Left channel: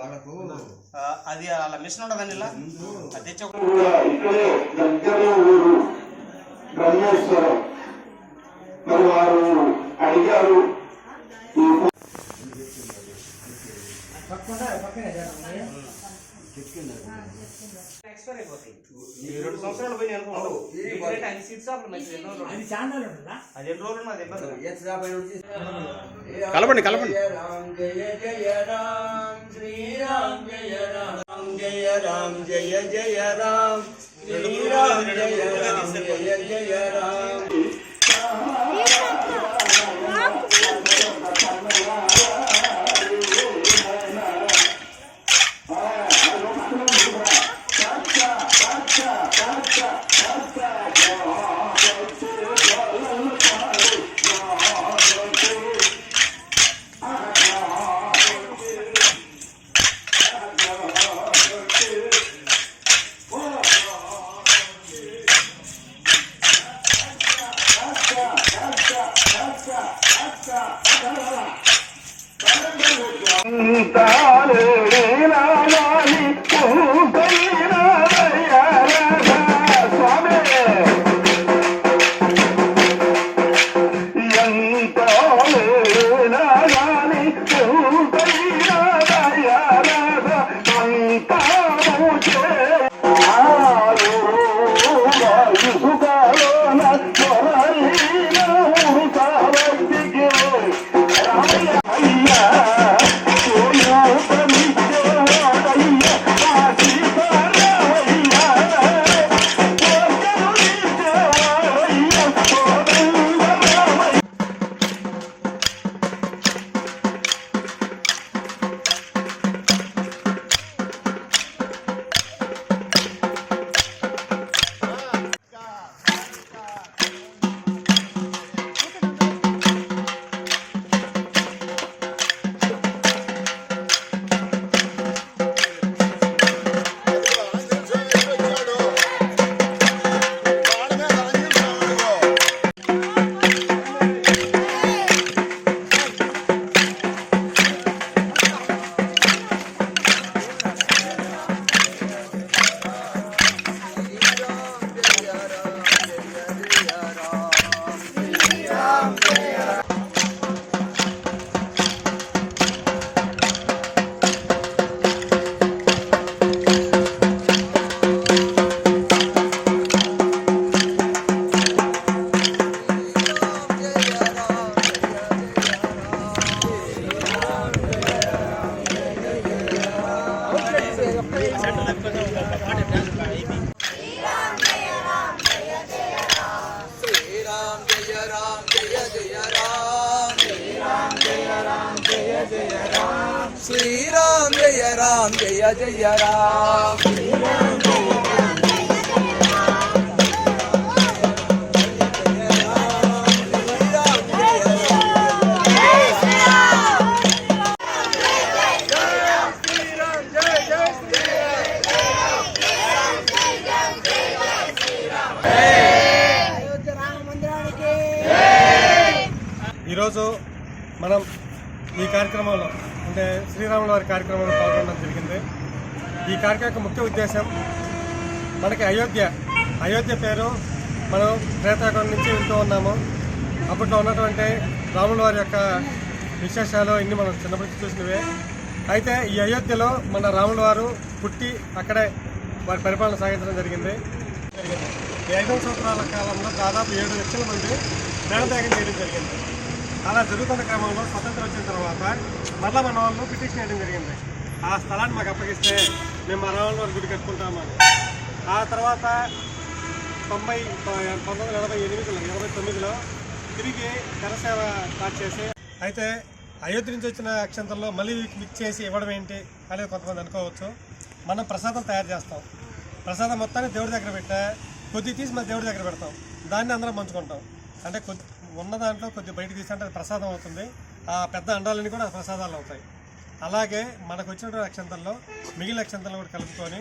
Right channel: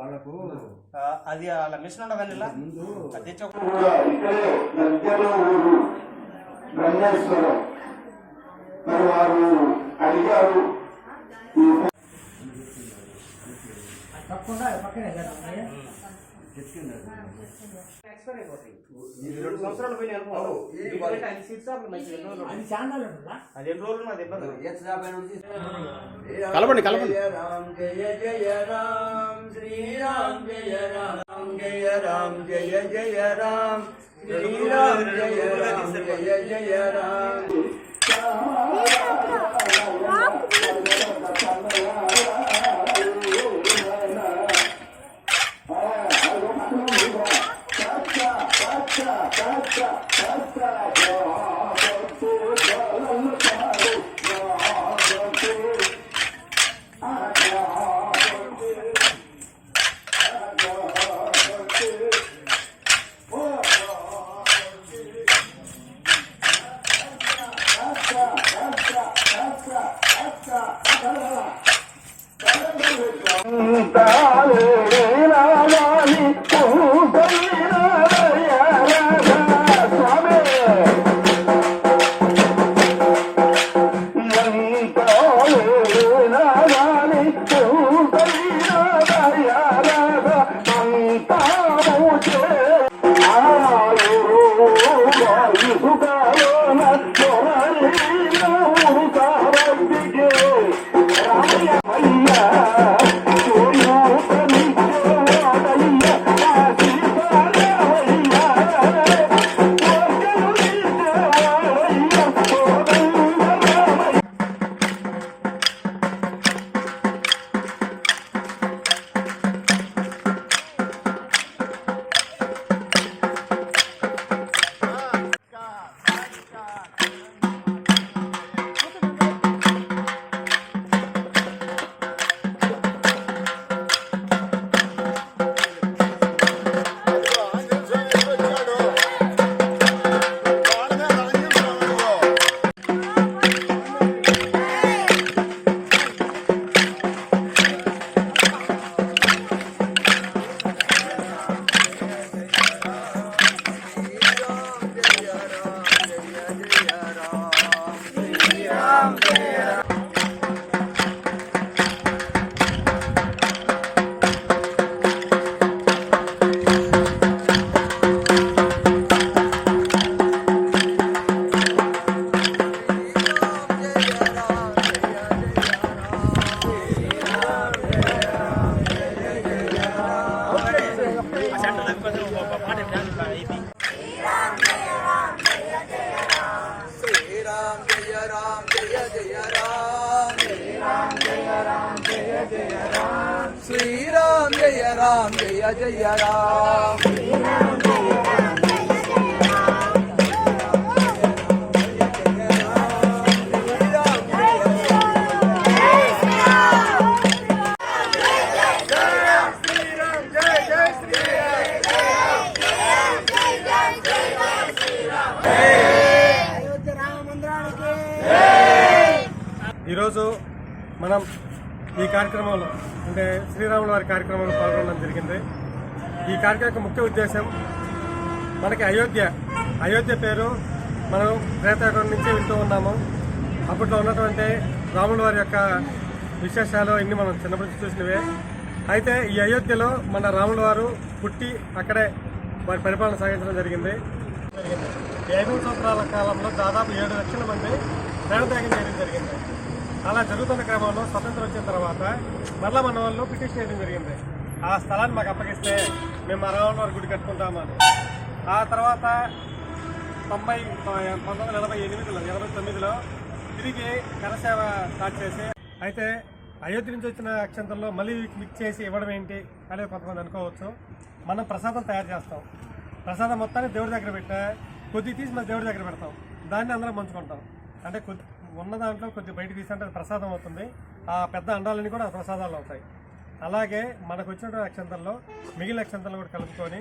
వాళ్ళకు. అది అలా మిషన్ ఉండదని ఇలా అది తెచ్చి బ్రహ్మేశ్వరం. మరి వారు అడిగారు ఈ ఎక్స్పైర్ అయిపోతాయి ఈ రెండు సంవత్సరాలు పోయి అనుకో. ఇప్పుడైతే అన్ని సీట్ షాపులు మంచి ఎన్ని రోజులు. అది చాలా ఉంటుందా అది ఎన్ని రోజులు అది ఇబ్బంది ఎత్తుగా పైన నుంచి కలపండి, కలపండి. జయ రామ్ జయ జయ రామ్ శ్రీరామ్ జయ రామ్ జయ రామ్ జయ జయ రామ్ శ్రీరామ్ జయ రామ్ జయ జయ రామ్. శ్రీరామ జయ రామ జయ జయ రామ ఈరోజు మనం ఈ కార్యక్రమంలో అంటే శ్రీరాముల వారి కార్యక్రమంలో పాల్గొనడం జరిగింది. ఈ కార్యక్రమం యొక్క ముఖ్య ఉద్దేశం మనకి అయోధ్య అయోధ్య పేరు మనం త్రేతాయుగం నుంచి వింటూ ఉన్నాము. అప్పట్లో ఉన్నటువంటి రాముల వారి యొక్క విశేషాలు ఇన్ని మనం చిన్నప్పటి చూసినవే. అయితే ఈ అయోధ్యలో మన రాముల వారు పుట్టి అక్కడే వారి పరిపాలన సాగించడం జరిగింది. ఈ సంవత్సరాల కాలంలో దాదాపు ఏడు లక్షల మంది ప్రాణత్యాగం చేయడం జరిగింది. అలా జరుగుతున్న క్రమంలో స్వతంత్రం వచ్చిన తర్వాత మరలా మన వాళ్ళు పిటిషన్ వేయడం జరిగింది. ఆ స్థలాన్ని మాకు అప్పగిస్తే మేము మన వాళ్ళ వారి గుడి కట్టుకుంటామని ఆ తర్వాత తొంభై పంతొమ్మిది వందల ఎనభై ఎనిమిదిలో ఎనభై తొమ్మిదిలో తిరిగి కరసేవ స్టార్ట్ చేసి అయితే అయోధ్య నుంచి వచ్చిన అక్షంతల్లో మళ్ళీ మిక్స్ చేసి ఇవ్వడం ఏంటి అనేది కొంతమంది అనుకోవచ్చు. మనం ప్రసాదం తయారు చేస్తాం. ప్రసాదం మొత్తాన్ని దేవుడి దగ్గర పెట్టా కొద్ది తీసి మన దేవుడి దగ్గర పెడతాం. దాన్ని అందరం పంచుకుంటాం. అంటే కొద్ది ఉన్న దాంట్లో కొంచెం బయట తీసి అంటే అది ప్రసాదం అవుతుంది. ఆ పెద్ద అండాలన్నీ కూడా ప్రసాదాలు అవుతాయి. అలాగే మనకు వచ్చినటువంటి అక్షంతల్లో మిగిలిన అక్షంతలు కూడా కలుపుకొని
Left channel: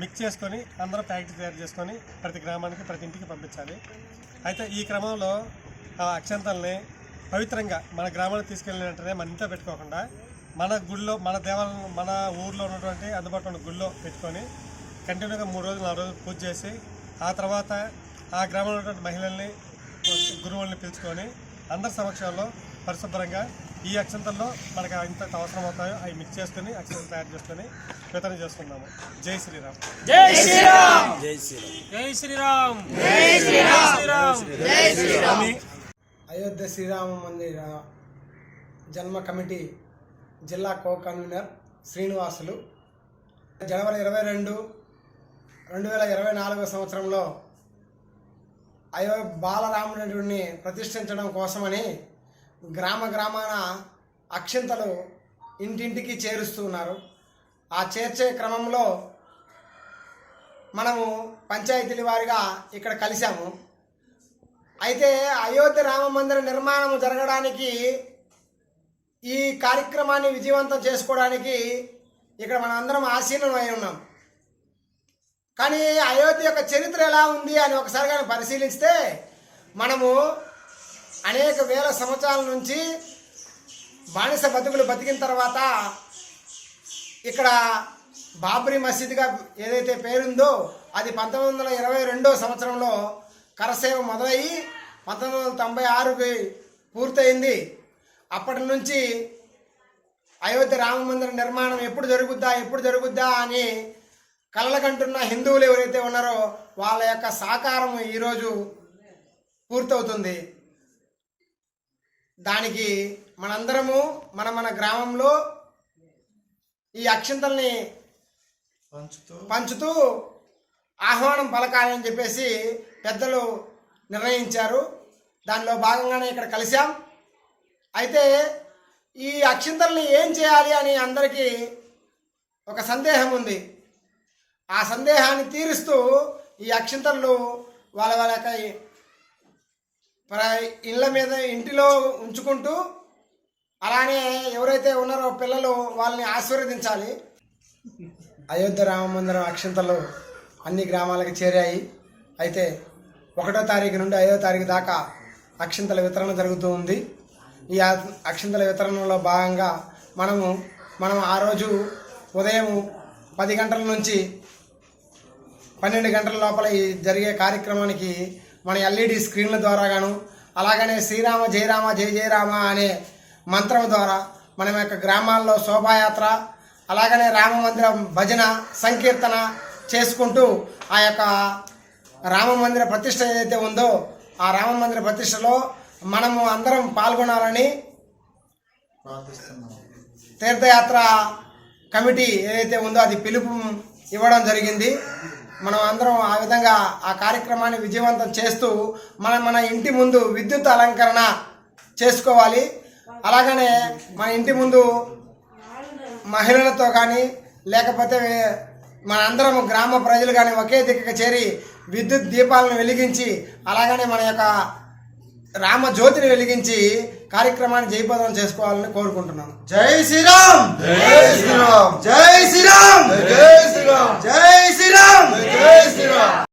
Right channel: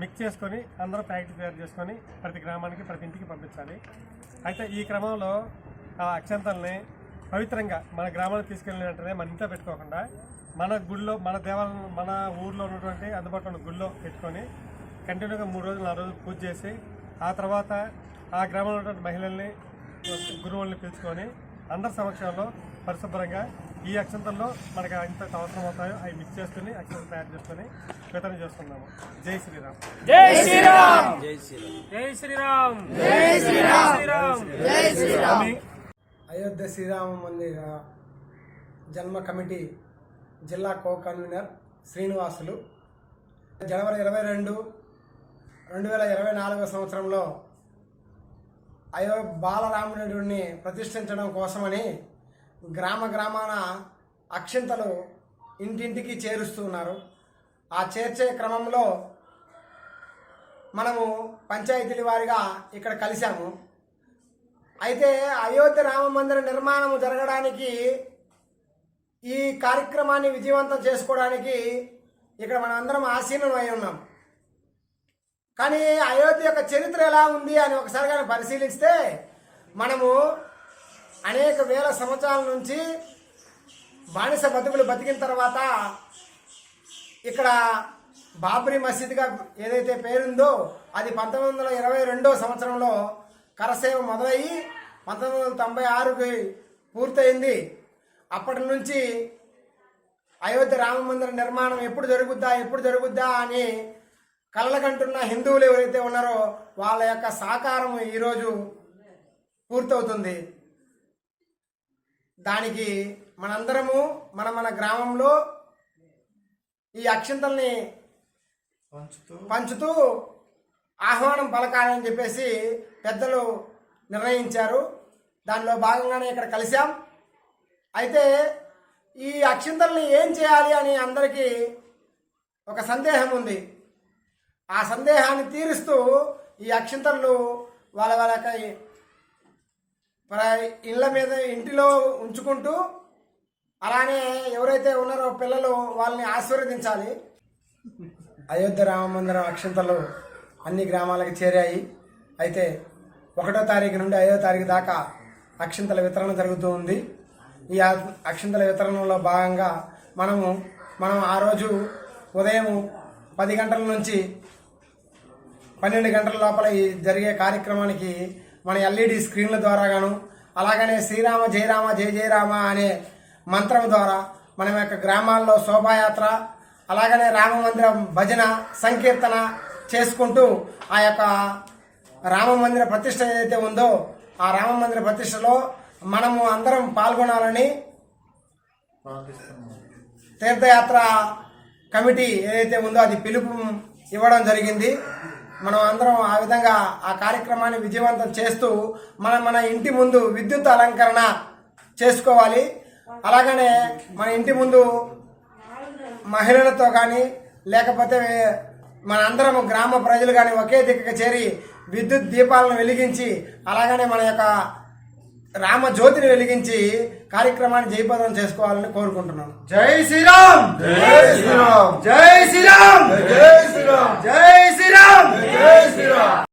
మిక్స్ చేసుకొని అందరం ప్యాకెట్ తయారు చేసుకొని ప్రతి గ్రామానికి ప్రతి ఇంటికి పంపించాలి. అయితే ఈ క్రమంలో ఆ అక్షంతల్ని పవిత్రంగా మన గ్రామానికి తీసుకెళ్ళిన వెంటనే మన ఇంట్లో పెట్టుకోకుండా మన గుడిలో మన దేవాలయం మన ఊర్లో ఉన్నటువంటి అందుబాటులో ఉన్న గుడిలో పెట్టుకొని కంటిన్యూగా మూడు రోజులు నాలుగు రోజులు పూజ చేసి ఆ తర్వాత ఆ గ్రామంలో ఉన్నటువంటి మహిళల్ని గురువుల్ని పిలుచుకొని అందరి సమక్షంలో పరిశుభ్రంగా ఈ అక్షంతల్లో మనకి ఎంత అవసరం అవుతాయో అవి మిక్స్ చేసుకుని అక్షంతలు తయారు చేసుకుని వితరణ చేసుకున్నాము జై శ్రీరామ్. స్వామి. అయోధ్య శ్రీరామ మందిర జన్మ కమిటీ జిల్లా కో కన్వీనర్ శ్రీనివాసులు. జనవరి ఇరవై రెండు రెండు వేల ఇరవై నాలుగో సంవత్సరంలో అయో బాలరాముడిని ప్రతిష్ఠించడం కోసమని గ్రామ గ్రామాన అక్షింతలు ఇంటింటికి చేరుస్తున్నారు ఆ చేర్చే క్రమంలో మనము పంచాయతీల వారిగా ఇక్కడ కలిశాము. అయితే అయోధ్య రామ మందిర నిర్మాణం జరగడానికి ఈ కార్యక్రమాన్ని విజయవంతం చేసుకోవడానికి ఇక్కడ మనం అందరం అయి ఉన్నాం. కానీ అయోధ్య యొక్క చరిత్ర ఎలా ఉంది అని ఒకసారి కానీ పరిశీలిస్తే మనము అనేక వేల సంవత్సరాల నుంచి బానిస బతుకులు బతికిన తర్వాత ఇక్కడ బాబ్రీ మసీద్గా ఏదైతే పేరుందో అది పంతొమ్మిది వందల ఇరవై రెండో సంవత్సరంలో కరసేవ మొదలయ్యి పంతొమ్మిది వందల తొంభై ఆరుకి పూర్తయింది. అప్పటి నుంచి అయోధ్య రామ మందిర నిర్మాణం ఎప్పుడు జరుగుద్దా ఎప్పుడు జరుగుద్దా అని కలలకంటున్న హిందువులు ఎవరైతే ఉన్నారో వాళ్ళ యొక్క సాకారం ఈరోజు పూర్తవుతుంది. దానికి మనందరము మన మన గ్రామంలో ఈ అక్షింతల్ని పంచుతూ ఆహ్వానం పలకాలని చెప్పేసి పెద్దలు నిర్ణయించారు. దానిలో భాగంగానే ఇక్కడ కలిశాం. అయితే ఈ అక్షింతల్ని ఏం చేయాలి అని అందరికీ ఒక సందేహం ఉంది. ఆ సందేహాన్ని తీరుస్తూ ఈ అక్షింతలు వాళ్ళ వాళ్ళ యొక్క ఇళ్ళ మీద ఇంటిలో ఉంచుకుంటూ అలానే ఎవరైతే ఉన్నారో పిల్లలు వాళ్ళని ఆశీర్వదించాలి. అయోధ్య రామ మందిరం అక్షంతలు అన్ని గ్రామాలకు చేరాయి. అయితే ఒకటో తారీఖు నుండి ఐదో తారీఖు దాకా అక్షింతల వితరణ జరుగుతూ ఉంది. ఈ అక్షంతల అక్షింతల వితరణలో భాగంగా మనము మనం ఆ రోజు ఉదయం పది గంటల నుంచి పన్నెండు గంటల లోపల ఈ జరిగే కార్యక్రమానికి మన ఎల్ఈడి స్క్రీన్ల ద్వారా గాను అలాగనే శ్రీరామ జయరామ జయ జయరామ అనే మంత్రం ద్వారా మన యొక్క గ్రామాల్లో శోభాయాత్ర అలాగనే రామ మందిరం భజన సంకీర్తన చేసుకుంటూ ఆ యొక్క రామ మందిర ప్రతిష్ట ఏదైతే ఉందో ఆ రామ మందిర ప్రతిష్టలో మనము అందరం పాల్గొనాలని తీర్థయాత్ర కమిటీ ఏదైతే ఉందో అది పిలుపు ఇవ్వడం జరిగింది. మనం అందరం ఆ విధంగా ఆ కార్యక్రమాన్ని విజయవంతం చేస్తూ మన మన ఇంటి ముందు విద్యుత్ అలంకరణ చేసుకోవాలి. అలాగనే మన ఇంటి ముందు మహిళలతో కానీ లేకపోతే మన అందరం గ్రామ ప్రజలు కానీ ఒకే దిక్కుకు చేరి విద్యుత్ దీపాలను వెలిగించి అలాగనే మన యొక్క రామ జ్యోతిని వెలిగించి కార్యక్రమాన్ని జయప్రదం చేసుకోవాలని కోరుకుంటున్నాను. జై శ్రీరామ్! జై శ్రీరామ్! జై శ్రీరామ్! జై శ్రీరామ్! జై శ్రీరామ్! జై శ్రీరామ్!